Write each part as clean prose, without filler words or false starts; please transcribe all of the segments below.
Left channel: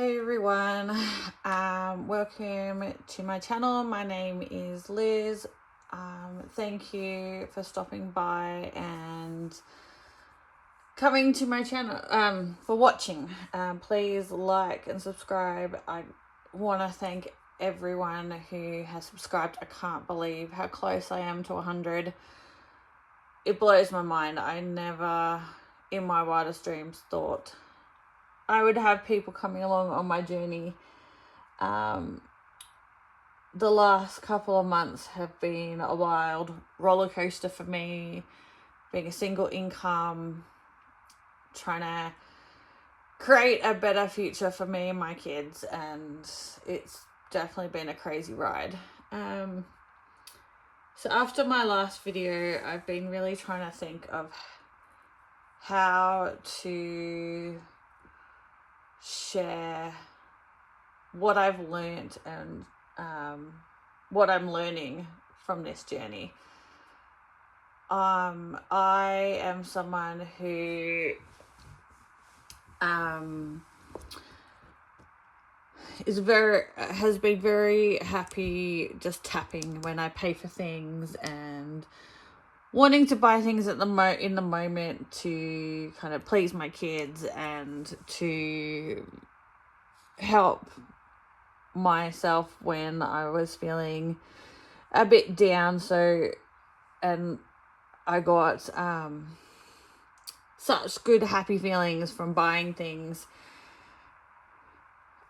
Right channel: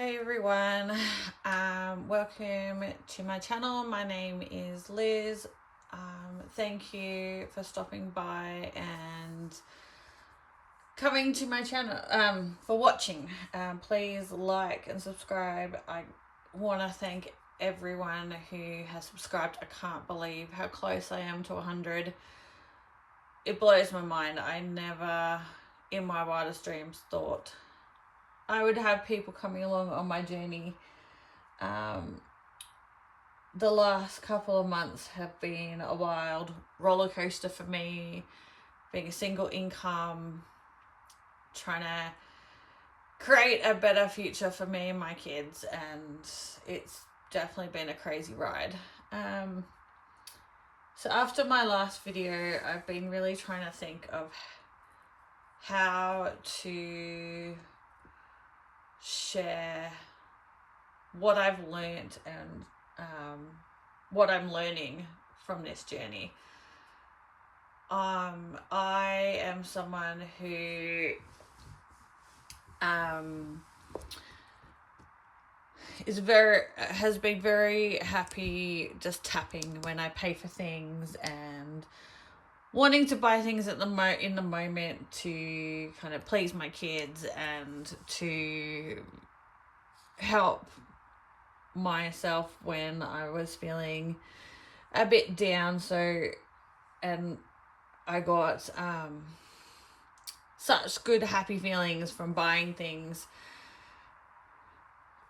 Hey everyone, welcome to my channel. My name is Liz. Thank you for stopping by and coming to my channel, for watching. Please like and subscribe. I want to thank everyone who has subscribed. I can't believe how close I am to 100. It blows my mind. I never in my wildest dreams thought I would have people coming along on my journey. The last couple of months have been a wild roller coaster for me, being a single income, trying to create a better future for me and my kids, and it's definitely been a crazy ride. So after my last video, I've been really trying to think of how to share what I've learned and what I'm learning from this journey. I am someone who has been very happy just tapping when I pay for things and wanting to buy things in the moment to kind of please my kids and to help myself when I was feeling a bit down. And I got such good happy feelings from buying things.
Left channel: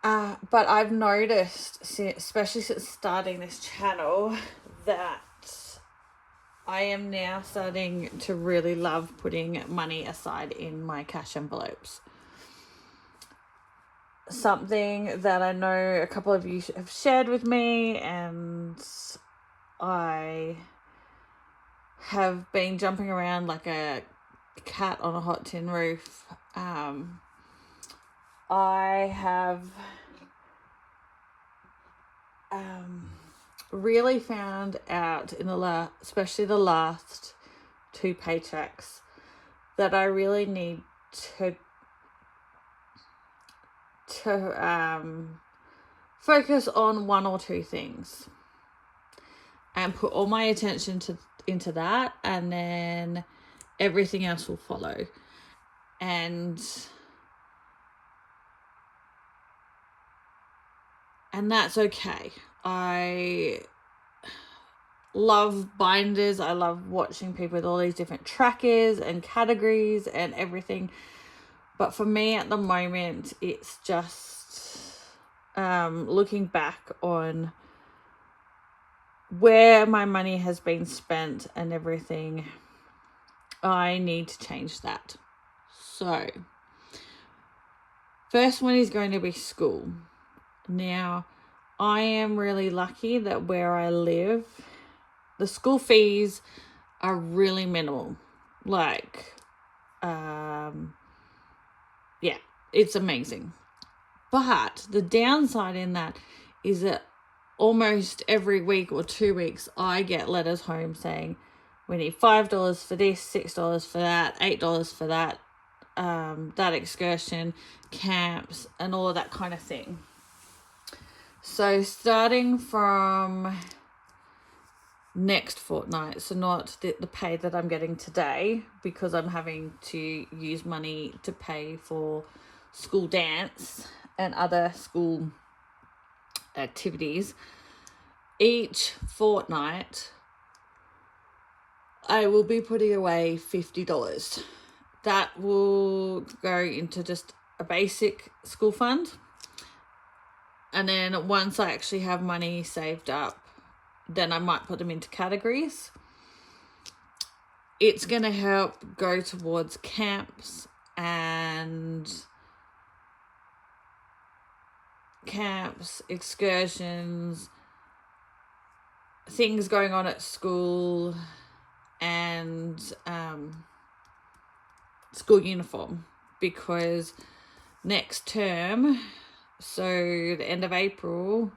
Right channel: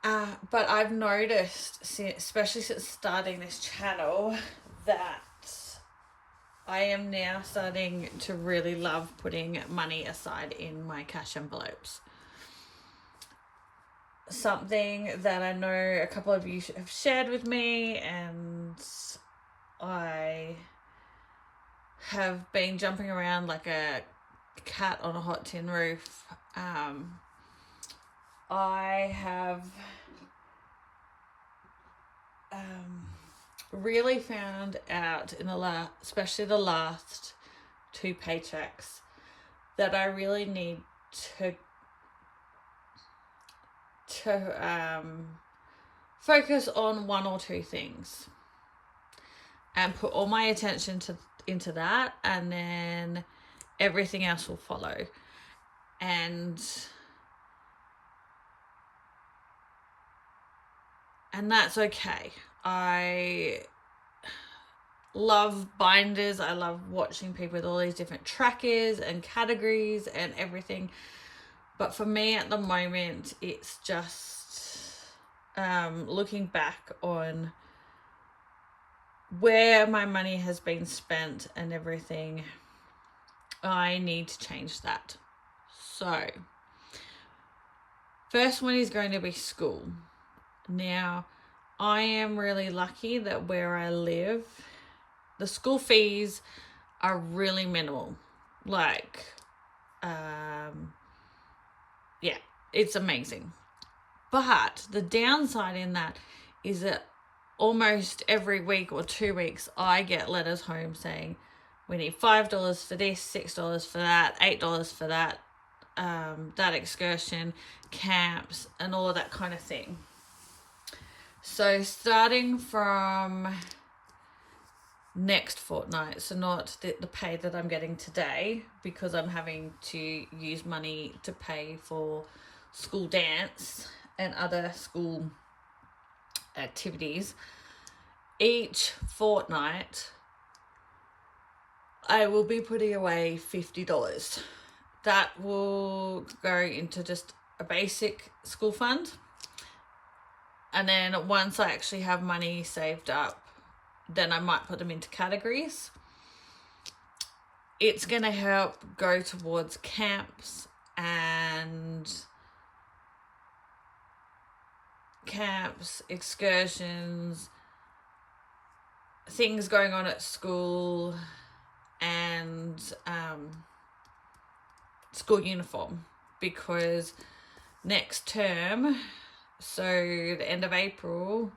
But I've noticed, especially since starting this channel, that I am now starting to really love putting money aside in my cash envelopes. Something that I know a couple of you have shared with me, and I have been jumping around like a cat on a hot tin roof. I have really found out especially the last 2 paychecks, that I really need to focus on 1 or 2 things and put all my attention into that, and then everything else will follow. And that's okay. I love binders. I love watching people with all these different trackers and categories and everything. But for me at the moment, it's just looking back on where my money has been spent and everything. I need to change that. So, first one is going to be school. Now, I am really lucky that where I live, the school fees are really minimal. Like, yeah, it's amazing. But the downside in that is that almost every week or 2 weeks, I get letters home saying, we need $5 for this, $6 for that, $8 for that, that excursion, camps, and all of that kind of thing. So starting from next fortnight, so not the pay that I'm getting today, because I'm having to use money to pay for school dance and other school activities, each fortnight I will be putting away $50. That will go into just a basic school fund, and then once I actually have money saved up, then I might put them into categories. It's going to help go towards camps, excursions, things going on at school, and school uniform, because next term, so the end of April,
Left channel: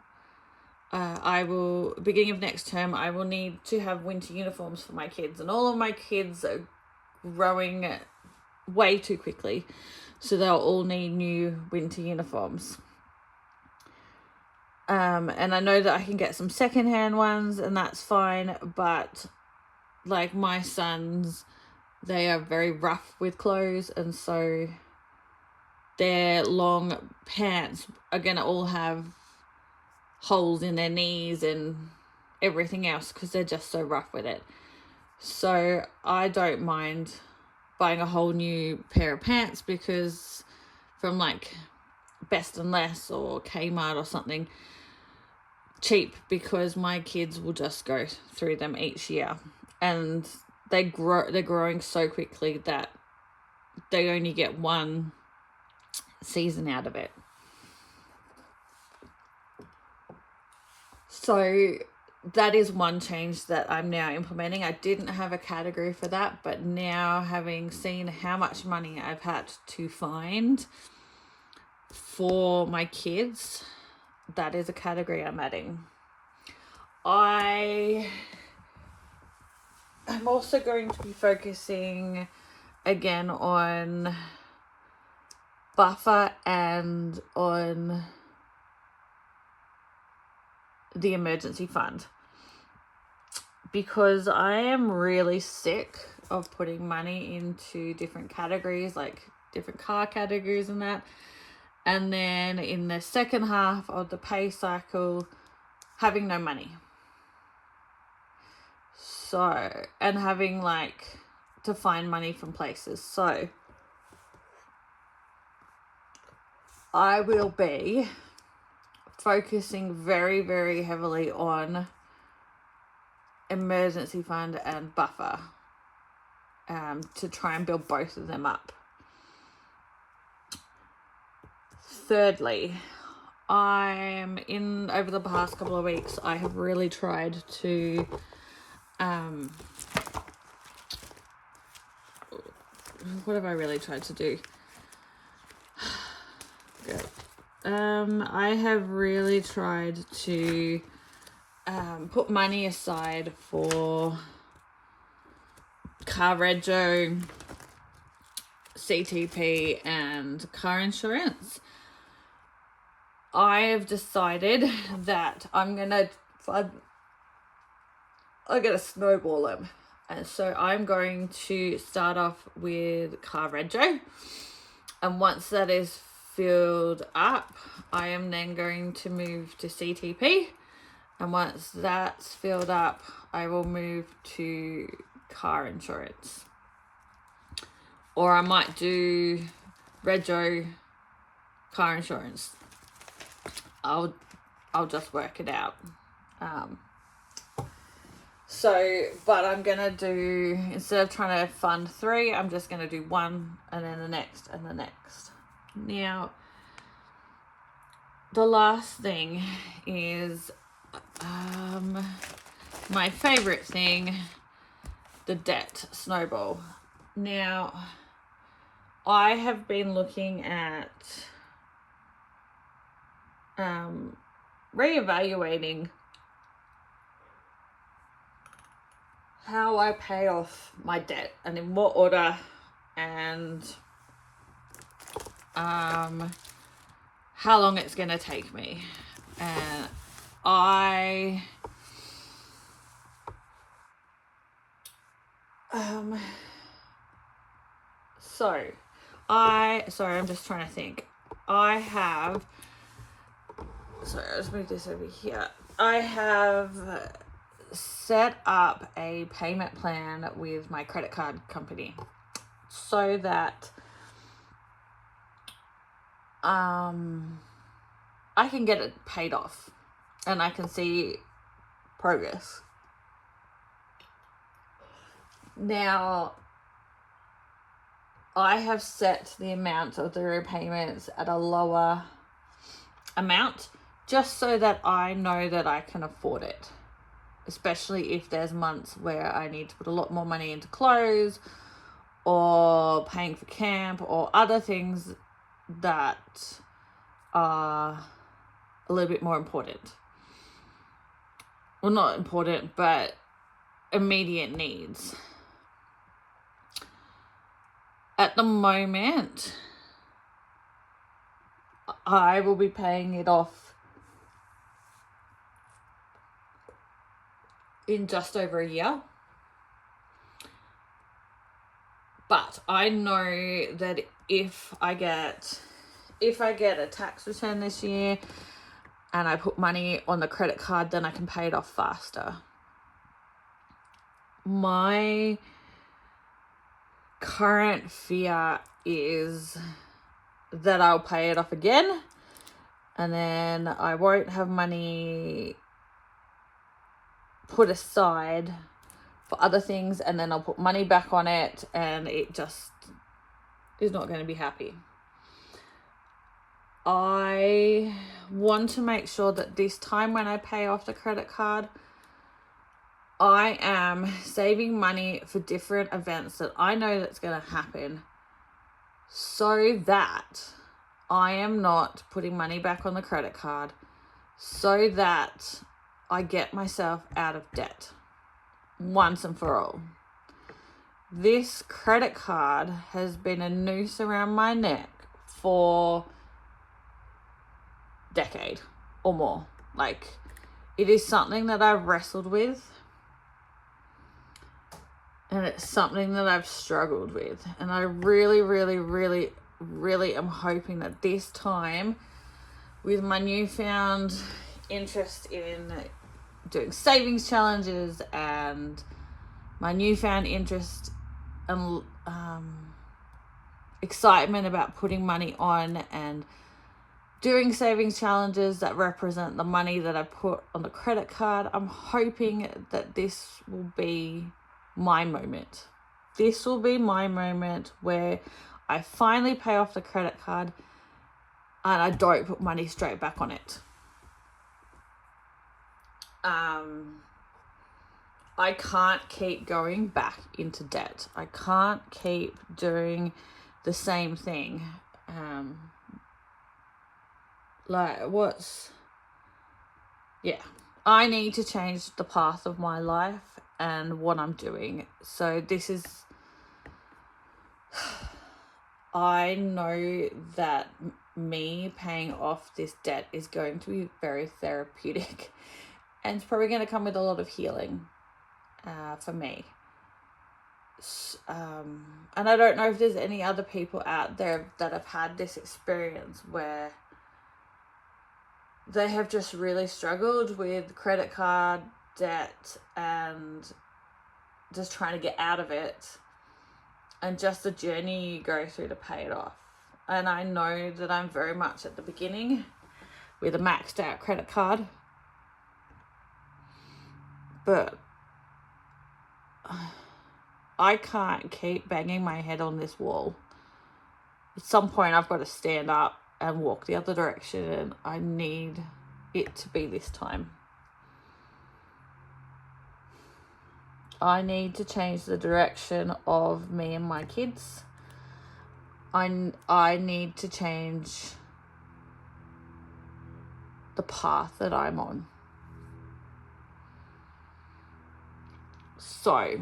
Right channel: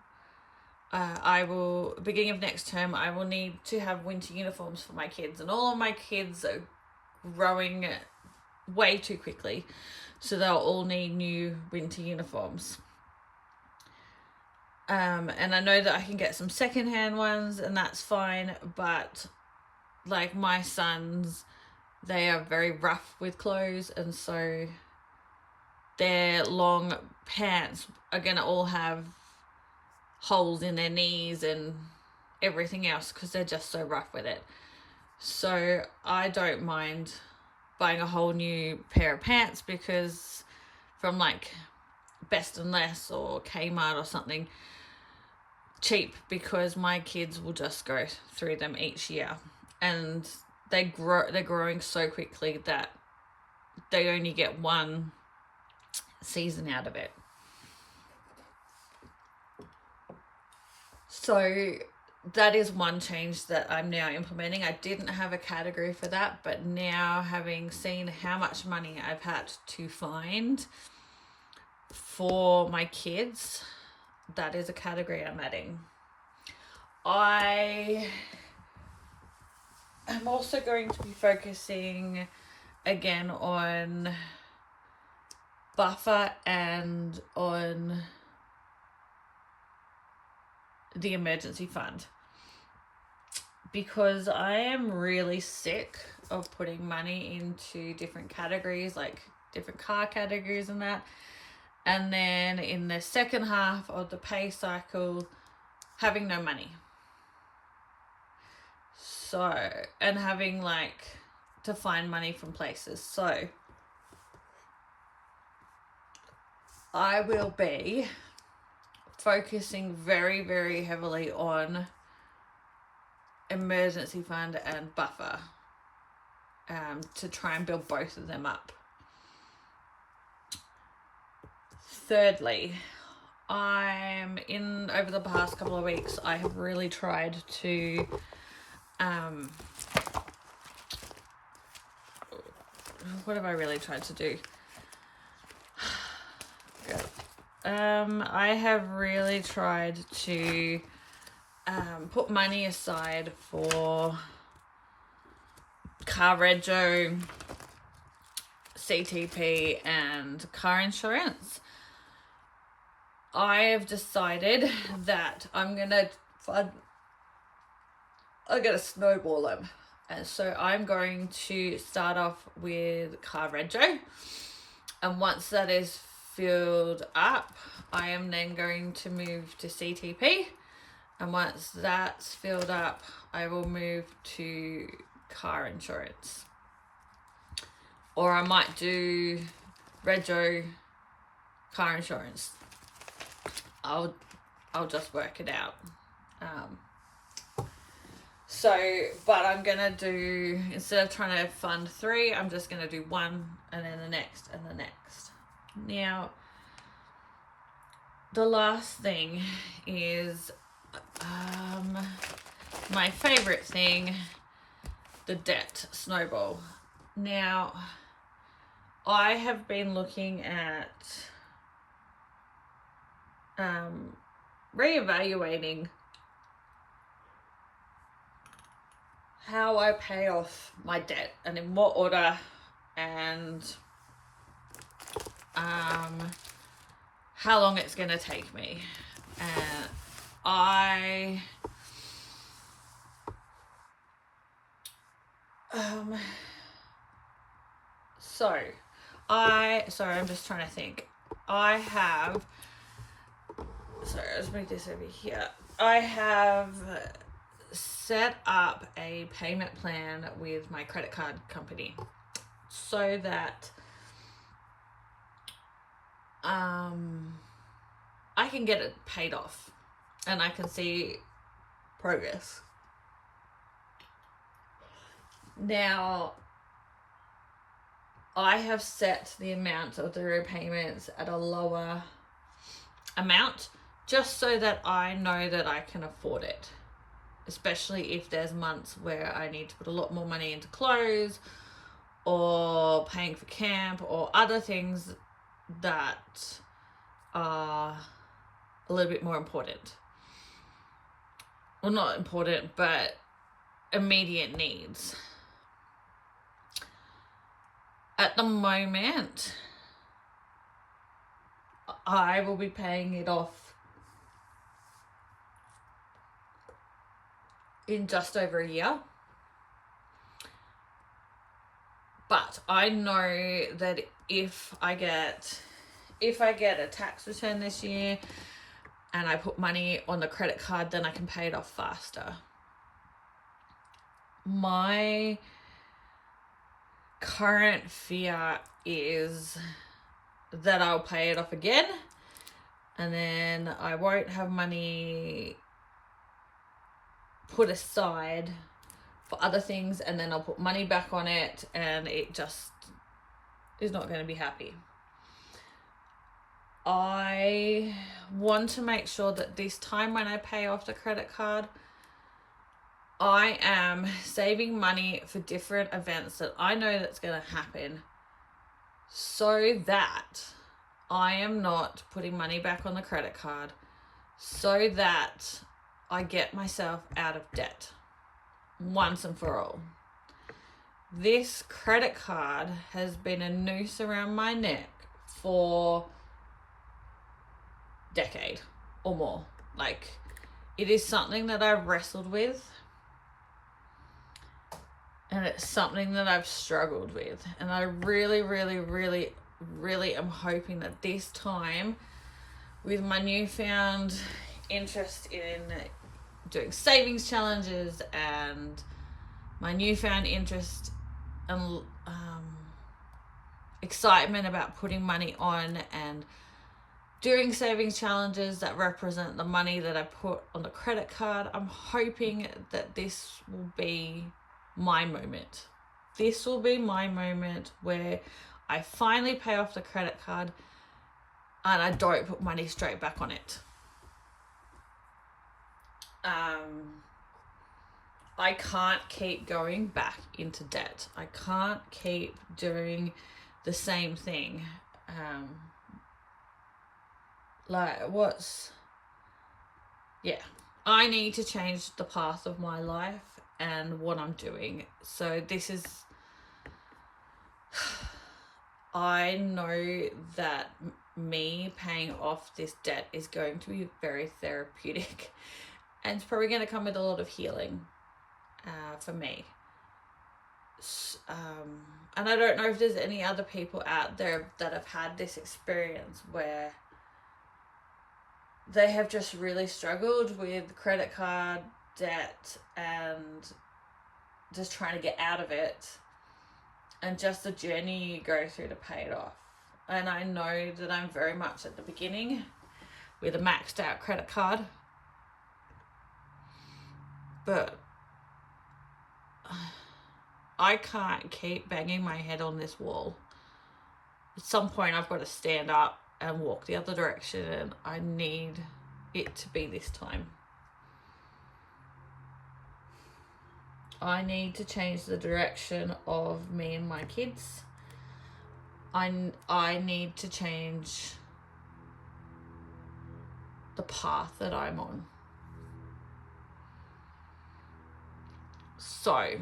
beginning of next term, I will need to have winter uniforms for my kids, and all of my kids are growing way too quickly, so they'll all need new winter uniforms. And I know that I can get some secondhand ones, and that's fine, but like my sons, they are very rough with clothes, and so their long pants are gonna all have holes in their knees and everything else because they're just so rough with it. So I don't mind buying a whole new pair of pants, because from like Best and Less or Kmart or something, cheap, because my kids will just go through them each year, and they're growing so quickly that they only get one season out of it. So that is one change that I'm now implementing. I didn't have a category for that, but now, having seen how much money I've had to find for my kids, that is a category I'm adding. I am also going to be focusing again on buffer and on the emergency fund, because I am really sick of putting money into different categories, like different car categories and that, and then in the second half of the pay cycle having no money. So, and having like to find money from places. So I will be focusing very, very heavily on emergency fund and buffer, to try and build both of them up. Thirdly, over the past couple of weeks, I have really tried to what have I really tried to do? I have really tried to put money aside for car rego, CTP, and car insurance. I have decided that I'm gonna snowball them, and so I'm going to start off with car rego, and once that is filled up, I am then going to move to CTP, and once that's filled up, I will move to car insurance, or I might do rego, car insurance. I'll just work it out. But I'm gonna do, instead of trying to fund 3, I'm just gonna do 1, and then the next and the next. Now, the last thing is my favorite thing, the debt snowball. Now, I have been looking at reevaluating how I pay off my debt and in what order, and how long it's going to take me. Sorry, I'm just trying to think. Let me this over here. I have set up a payment plan with my credit card company so that I can get it paid off and I can see progress. Now, I have set the amount of the repayments at a lower amount just so that I know that I can afford it, especially if there's months where I need to put a lot more money into clothes or paying for camp or other things that are a little bit more important. Well, not important, but immediate needs. At the moment, I will be paying it off in just over a year. But I know that if I get a tax return this year and I put money on the credit card, then I can pay it off faster. My current fear is that I'll pay it off again and then I won't have money put aside for other things, and then I'll put money back on it and it just is not going to be happy. I want to make sure that this time when I pay off the credit card, I am saving money for different events that I know that's going to happen, so that I am not putting money back on the credit card, so that I get myself out of debt once and for all. This credit card has been a noose around my neck for a decade or more. Like, it is something that I've wrestled with, and it's something that I've struggled with, and I really, really, really, really am hoping that this time, with my newfound interest in doing savings challenges and my newfound interest and excitement about putting money on and doing savings challenges that represent the money that I put on the credit card, I'm hoping that this will be my moment. This will be my moment where I finally pay off the credit card and I don't put money straight back on it. I can't keep going back into debt. I can't keep doing the same thing. I need to change the path of my life and what I'm doing. So this is, I know that me paying off this debt is going to be very therapeutic, and it's probably going to come with a lot of healing for me. And I don't know if there's any other people out there that have had this experience where they have just really struggled with credit card debt and just trying to get out of it, and just the journey you go through to pay it off. And I know that I'm very much at the beginning with a maxed out credit card, but I can't keep banging my head on this wall. At some point I've got to stand up and walk the other direction, and I need it to be this time. I need to change the direction of me and my kids. I need to change the path that I'm on. So,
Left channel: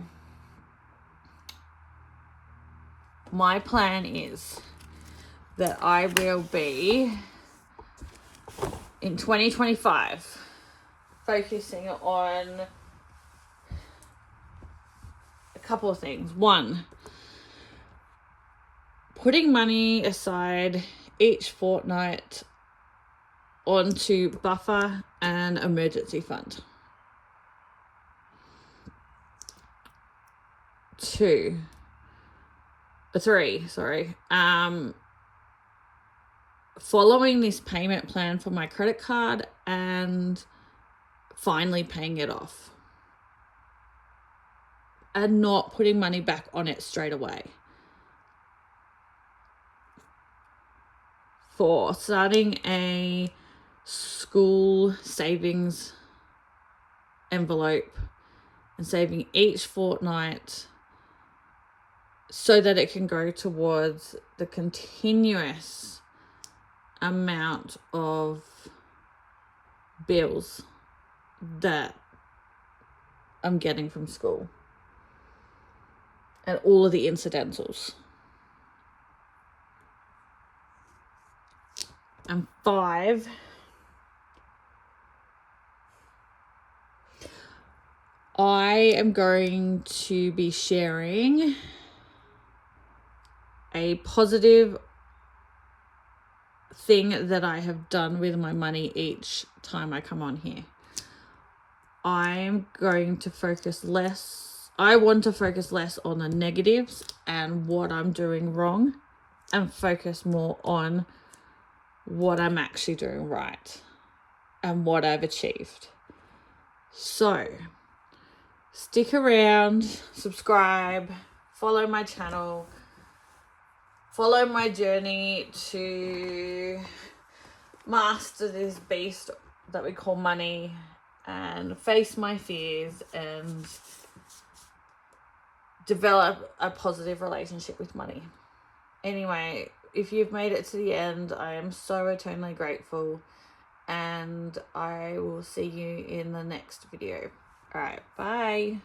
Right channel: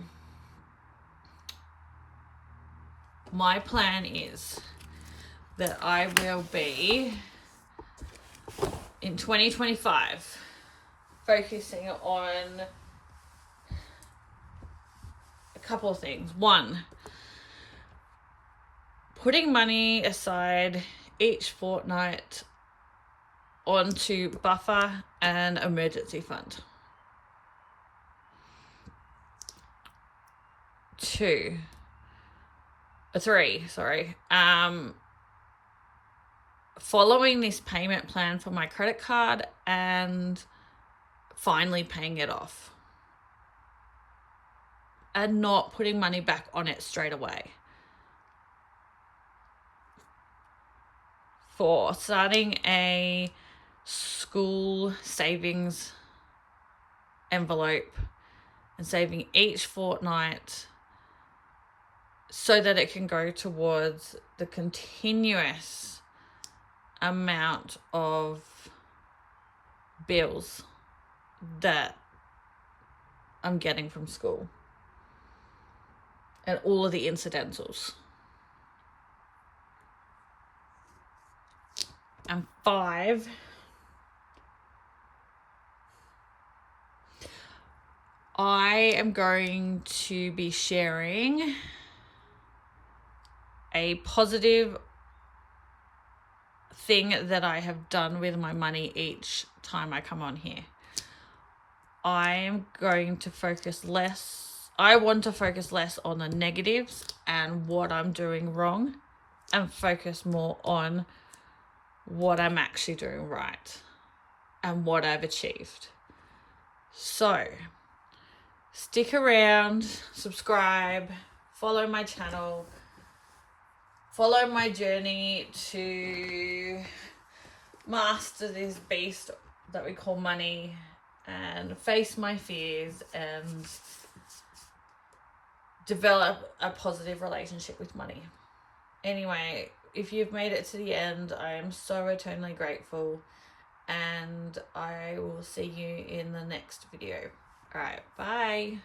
my plan is that I will be, in 2025, focusing on a couple of things. One, putting money aside each fortnight onto buffer and emergency fund. 3, following this payment plan for my credit card and finally paying it off and not putting money back on it straight away. 4, starting a school savings envelope and saving each fortnight so that it can go towards the continuous amount of bills that I'm getting from school and all of the incidentals. And 5, I am going to be sharing a positive thing that I have done with my money each time I come on here. I'm going to focus less. I want to focus less on the negatives and what I'm doing wrong, and focus more on what I'm actually doing right and what I've achieved. So stick around, subscribe, follow my channel, follow my journey to master this beast that we call money, and face my fears and develop a positive relationship with money. Anyway, if you've made it to the end, I am so eternally grateful, and I will see you in the next video. All right, bye.